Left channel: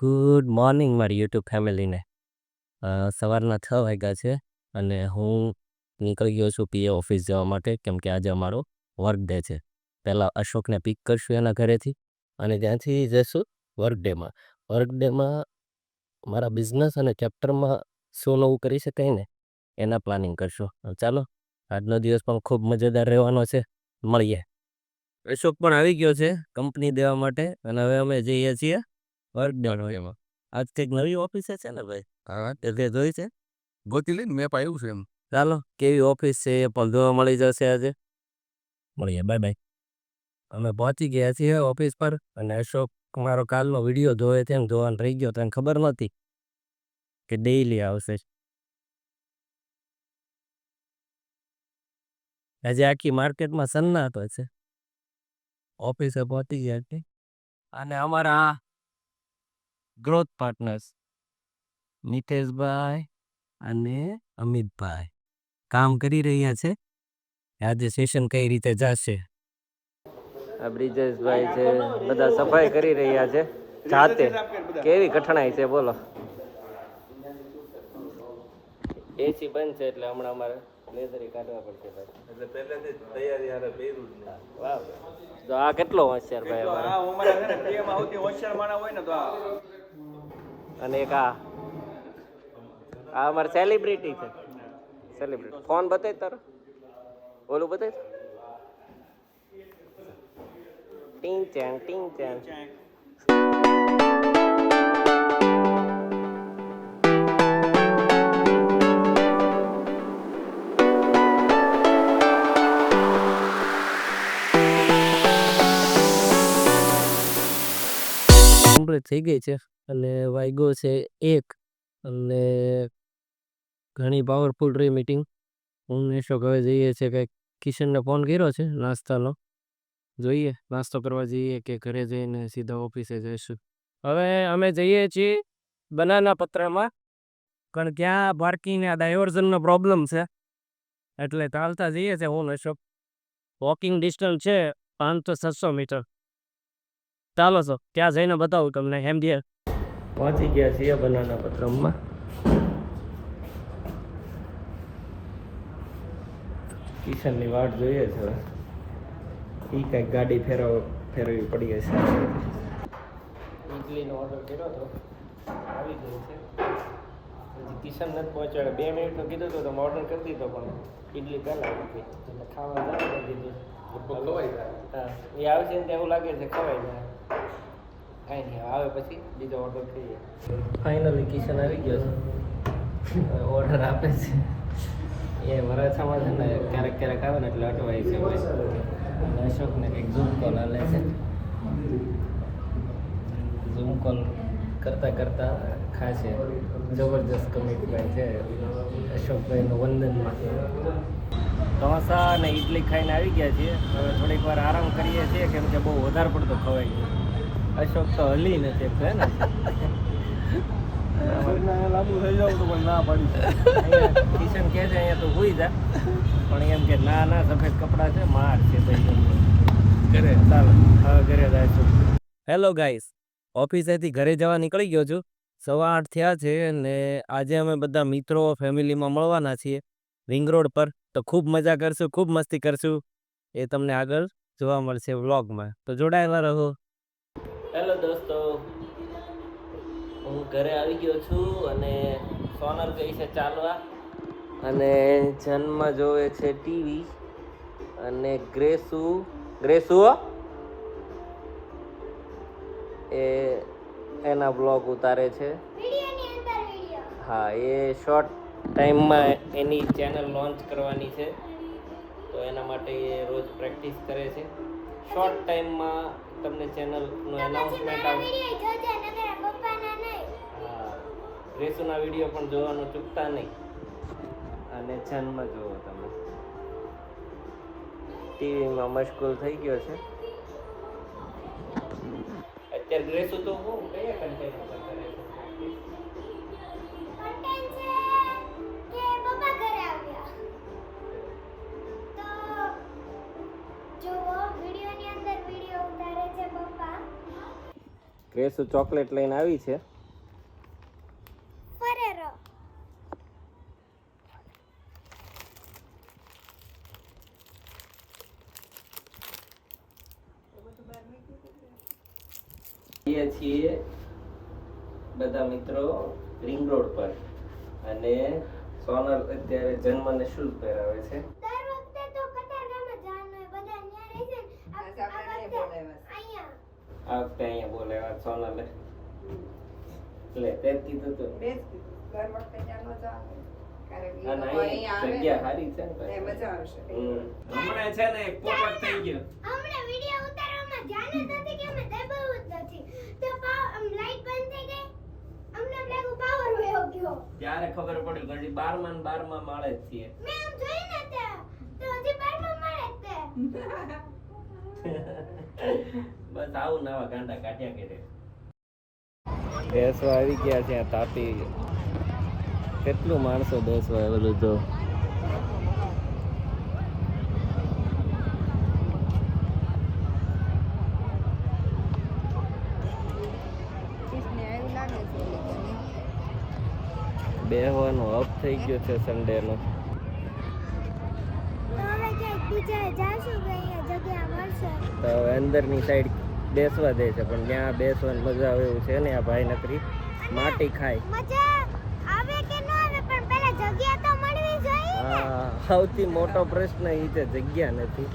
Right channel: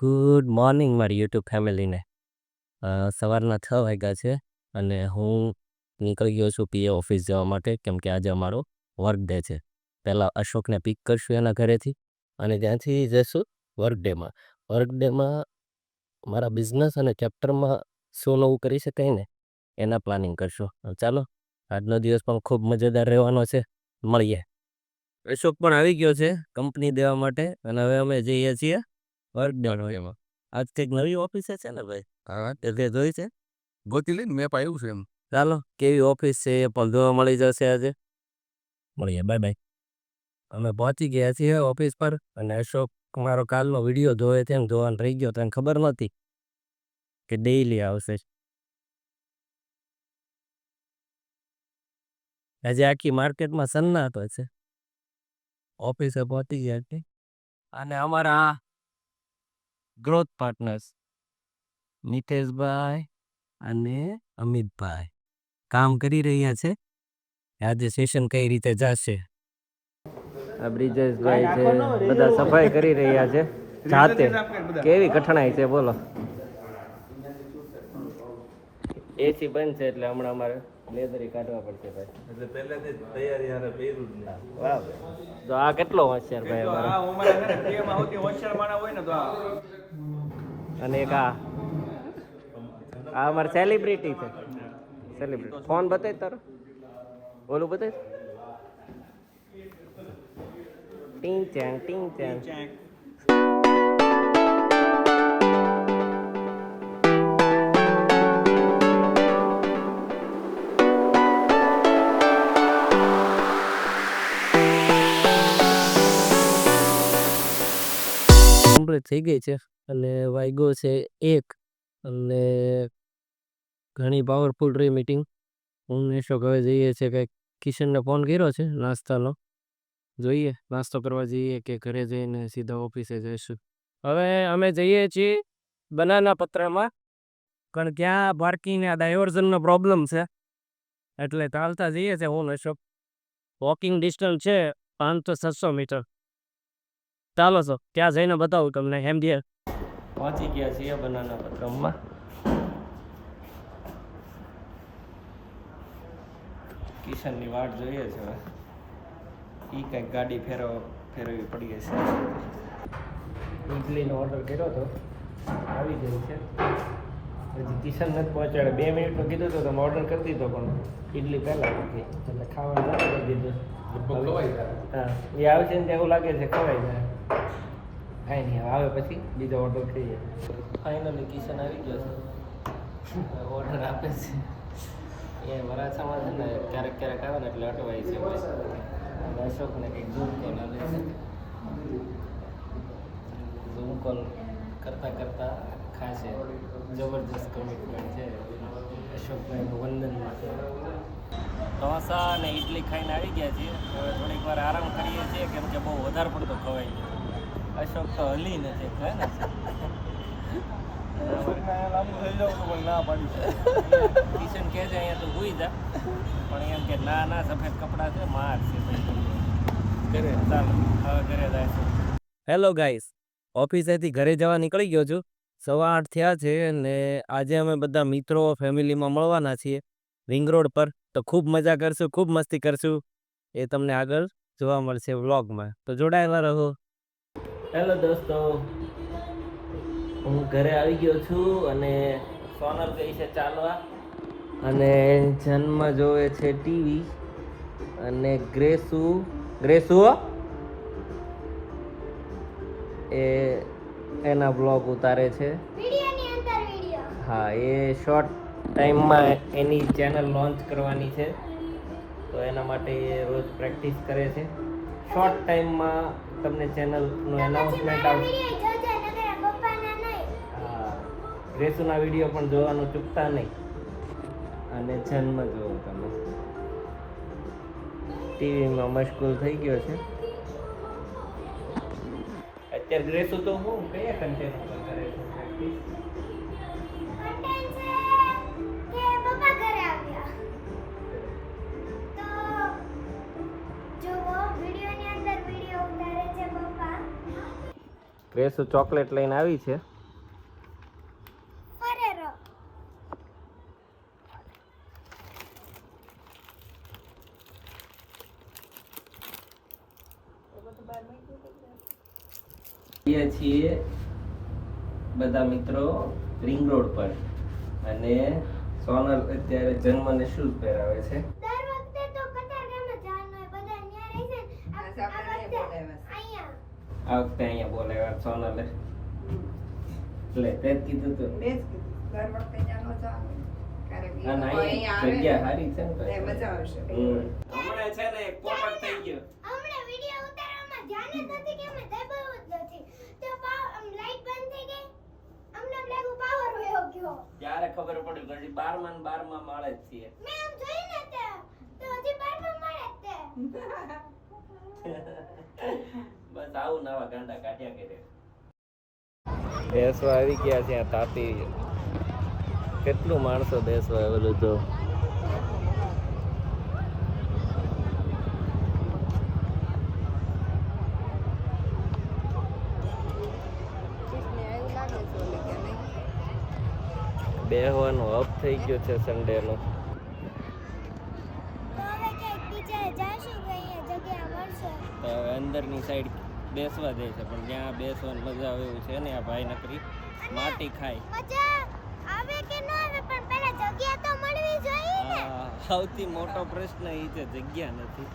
Good morning મારી YouTube ફેમિલીને. સવારના 6 વાગ્યા છે અને હું નીકળી ગયો છું પીએ ઓફિસ જવા માટે, કેમ કે આજે અમારો વર્ક ડે છે. પહેલાં અશોકને પિક કરશું એના ઘરેથી અને ત્યાંથી જઈશું વર્ક ડેમાં. વર્ક ડેમાં મારા બિઝનેસ અને ચેપ્ટરમાં શું નવું કરી શકાય ને એના પ્લાનિંગ કરશું. ચાલો, આજનો દિવસ પણ ખૂબ મજેદાર રહેવાનો છે. મળીએ. અશોક પણ આવી ગયો છે કંપની દેવા માટે અને હવે અમે જઈએ છીએ વર્ક ડે એમાં. આજ કંઈક નવી ઓફિસે છે ને ભાઈ? હા, એટલે જોઈ છે. ગોતી લઈને મેપ આવ્યું છે એમ. ચાલો, કેવી ઓફિસ છે એ પણ જોવા મળી જશે આજે. મળીએ, બાય બાય. અમે પહોંચી ગયા છીએ ઓફિસ પર અને અશોક મારો કાલનો વિડીયો જોવે તેમ જોવાનું રહી ગયો. તને ખબર નહોતી કે ડેઈલી આવશે. આજે આખી માર્કેટમાં સન્નાટો છે. ઓફિસે પહોંચી ગયા છે અને અમારા ગ્રોથ પાર્ટનર્સ નિતેશભાઈ અને અમિતભાઈ કામ કરી રહ્યા છે. આજે સેશન કઈ રીતે જશે. આ બ્રિજેશભાઈ છે, બધા સફાઈ કરી રહ્યા છે જાતે. કેવી કઠણાઈ છે બોલો. એસી બંધ છે એટલે હમણાં અમારે લેઝરી કાઢવા પડશે ભાઈ. એટલે પહેલેથી તૈયારી આરે પહેર્યું જ નહીં. વાહ ભાઈ, તો આ કેટલો હોશિયાર ભાઈ અમારા. હોશિયાર માણસ હોય ને તો. અને એક આ અમારે સેલિબ્રિટી છે. સેલિબ્રિટી ફોન બતાય તારો, ઓલું બતાય. ટીંગ ચાંગ ટીંગ ચાંગ. કમ્પ્લીટ થઈ ગઈ છે અને વાગ્યો છે 1 અને ઘણી પાવરફુલ રહી મીટિંગ. હું અશોક હવે જઈએ છે કે કિશનને ફોન કર્યો છે નાસ્તાનો. જોઈએ નાસ્તો કરવા જઈએ કે ઘરે જઈને સીધા ઓફિસે જઈશું. હવે અમે જઈએ છીએ બનાના પત્રામાં, કારણ કે ત્યાં પાર્કિંગ ડાયવર્ઝનનો પ્રોબ્લેમ છે એટલે ચાલતા જઈએ છે. હું અશોક વોકિંગ ડિસ્ટન્સ છે 500-700 મીટર. ચાલો છો ત્યાં જઈને બતાવું તમને. એમડીએ પહોંચી ગયા છીએ બનાના પત્રમમાં. કિશનની વાટ જોઈએ છે. એ કંઈક ગાડી ફેરવવી પડી હશે. ઇડલીનો ઓર્ડર કર્યો હતો, આવી ગયો છે. હજી કિશન નથી પહોંચાડે. 2 મિનિટમાં કીધું તો તમે ઓર્ડર કરી દીધો પણ ઇડલી પહેલાં નથી એટલે ખાવાનું ચાલુ કરી દીધું. હા, એ આવશે ને ત્યાં એવું લાગે છે ખવાઈ જાય. કાંઈ નહીં, આવે પછી બીજો ઓર્ડર કરીએ. ફાઇનલી કિશન આવી ગયો છે, ઓર્ડર આપે છે. એ વરાછામાં છે ને ક્યારેક ક્યારેક આવે ને એટલે અટવાય છે. અશોકને કંઈક ઝૂમ કોલ હાલે છે. ઝૂમ કોલ કરતાં કરતાં ખાશે. જબરજસ્ત કમિટમેન્ટ છે અશોકભાઈનું વંદનમાં. ઢોસા અને ઇડલી ખાઈને આવી ગયા છીએ. હવે થોડીક વાર આરામ કરીએ છીએ કેમ કે બહુ વધારે પડતું ખવાય છે. અશોક તો હલી નથી છે ને. લાંબુ થઈ જાવ તો પણ ના પાડું. કિશન કહે છે અહીંયા તો હોઈ જા, પણ એમ કે ના ના સફેદ કપડાં છે માર છે ભાઈ. ઘરે ચાલો હવે ઘરે જાય છે. હેલો ગાઈસ, ઓફિસેથી ઘરે જવા નીકળી ગયો છું. 8:15 થયા છે અને આજે અમે બધા મિત્રો ફેમિલીમાં મળવાના છીએ રિંગ રોડ પર. તો ખૂબ મજા કરશું, ખૂબ મસ્તી કરશું. એ તમને આગળ જોવા મળશે વ્લોગમાં, તો જોડાયેલા રહો. હેલો દોસ્તો, હું ઘરે આવી ગયો છું અને સોનલ ગઈ છે ચાલવા અને જન્મ જોવે છે ટીવી અને ગ્રેસુ એ એના બ્લોગ ઉતારે છે. હા, એ શોર્ટ ટાઈમમાં એની ચેનલ લોન્ચ કરવાની છે તો એના માટે રોજ પ્રેક્ટિસ કરે છે. શોર્ટ ટાઈમમાં તમને ચેનલનું એનાઉન્સમેન્ટ આવશે. હા, ગ્રેસુના વિડીયો પણ જોવાનું ચૂકતા નહીં અને જન્મ જોવો તમે. ટીવીમાં મશગુલ થઈ ગયો છે અત્યારે. ગ્રેસુ તો હું કયા કન્ટેન્ટ ઉપર કરે છે પ્રેક્ટિસ? ગ્રેસુ ચોકલેટ લઈને આવી છે. છીએ બધા મિત્રો રિંગ રોડ પર અને સોનલ અત્યારે જન્મને શૂઝ પહેરાવે છે. દર વખતે તો કતારગામમાં જવાનું હોય, બધા ન્યા રહી છે ને. આ વખતે અહીંયા. આ વખતે અહીંયા બોલાવ્યા સોનલે. એટલે તે જ કીધું તું. અને અહીંયા જગ્યા સારી છે ને. હમણાં છે ને પોપટ થઈ ગયો. હમણાં વિડિયો ઉતારવામાં ધ્યાન જ નથી કે અમે દબાવ્યું જ નથી. તો લાઈટ બંધ થઈ ગઈ. હમણાં લાગુ પાવર વયો ગયો. ત્યારે ખબર પડી કે હજી 12માં ને 12માં માળે જ છીએ. મેં આમ જોઈ ને તો હજી 12માં મળે જ તે. બસ આવું નવા ગાંડા કાઢ્યા કરે. બેસવા આવી ગયા છે તાપી. કેટલું માણસો બેસવા આવેલું હતું. બેહવાનું હબ થઈ ગયો છે સન્ડે નો. તો હવે ક્યાંક બીજે જાશું કે અહીંયા જગ્યા મળશે. તો હવે અંદરની સાઈડ બેસવા જાય છે પણ ત્યાં બેસવાની મજા આવે એવું છે ને. આ ભાઈ નકરી માટી ખાય. મજા આવે કે ન આવે પણ પહેલા જગ્યા તો મળવી જોઈએ. હા, સૌથી મોટો પ્રશ્ન એ છે જગ્યા નથી.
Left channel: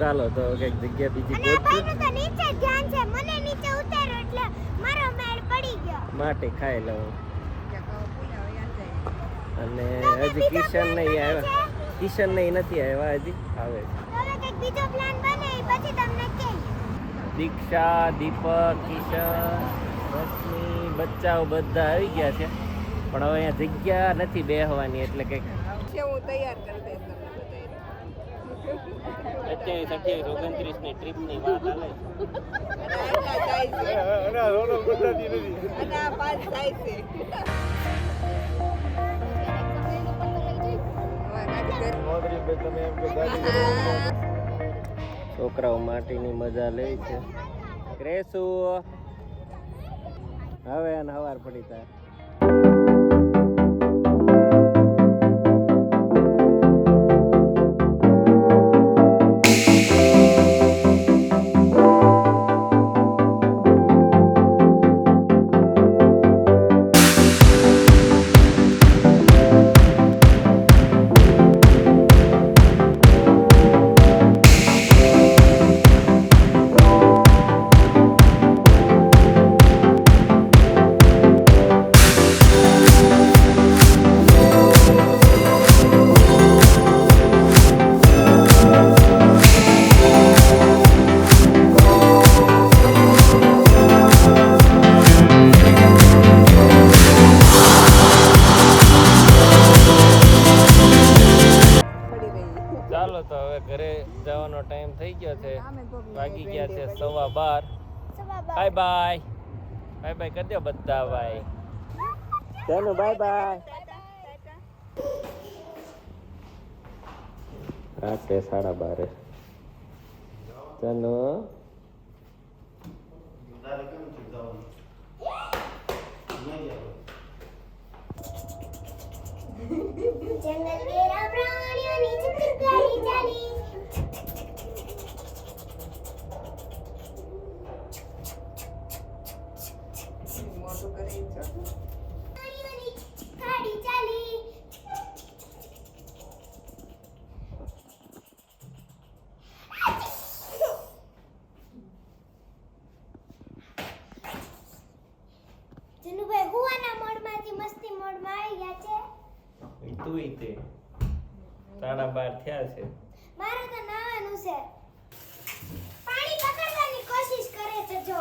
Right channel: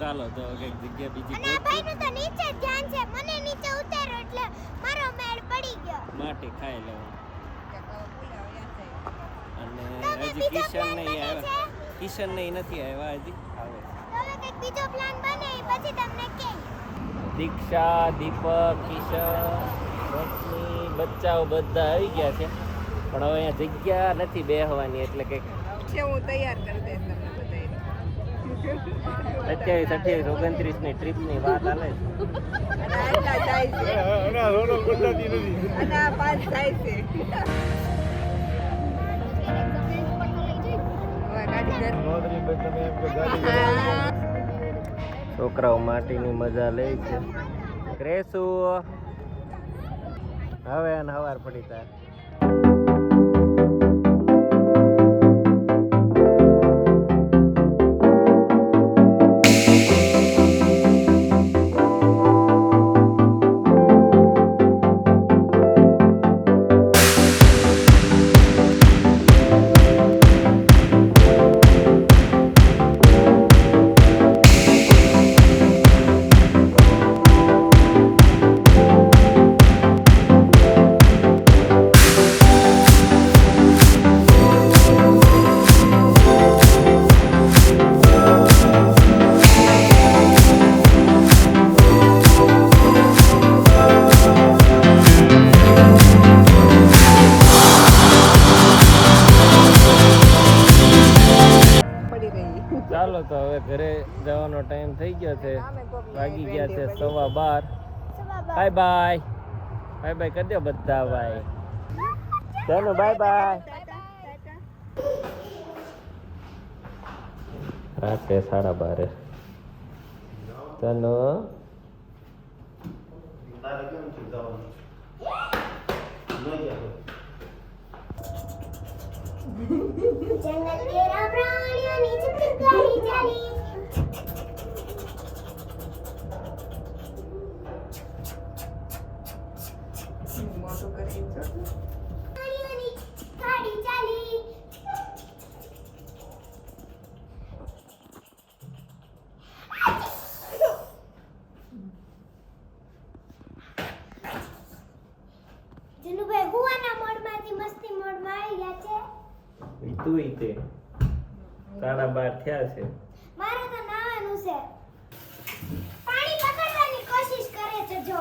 ચાલો તો કંઈક જગ્યા બીજી અને આ ગોતશું. ભાઈનું તો નીચે જ ધ્યાન છે. મને નીચે ઉતાર્યો એટલે મારો મેળ પડી ગયો. માટી ખાઈ લઉં. અને હજી કિશન નહીં આવ્યા. કિશન નહીં નથી આવ્યા હજી. આવે છે. તો હવે કંઈક બીજો પ્લાન બને એ પછી તમને કહીએ. દીક્ષા, દીપક, કિશન, બચ્ચાઓ બધા આવી ગયા છે પણ હવે અહીંયા જગ્યા નથી બેહવાની એટલે કંઈક હું તૈયાર કરી દઈશ તમને બધાને. 27, 28, 29 ની ટ્રીપની વાત હાલે છે. અને આટલા જાય છે અને આ 5 જાય છે. હવે ગાડી છોકરાઓ માટીની મજા લે છે. ગ્રેસુ હવે અને હવાર પડી તા. ચાલો તો હવે ઘરે જવાનો ટાઈમ થઈ ગયો છે. વાગી ગયા છે 12:15. Bye bye. બાય બાય કરી દો બધા ભાઈ. ચાલો બાય બાય. રાતે 12:30. ચાલો જંગલ કેરા પ્રાણીઓની ચિત્રકારી ચાલી. મોટું કરી પ્રાણીઓની ગાડી ચાલી. જનુભાઈ હુવાના મોડમાંથી મસ્તી મોડમાં આવી ગયા છે. તું તે 12:30 થયા છે. મારે તો નાવાનું છે. પાણી પકડવાની કોશિશ કરે છે જો.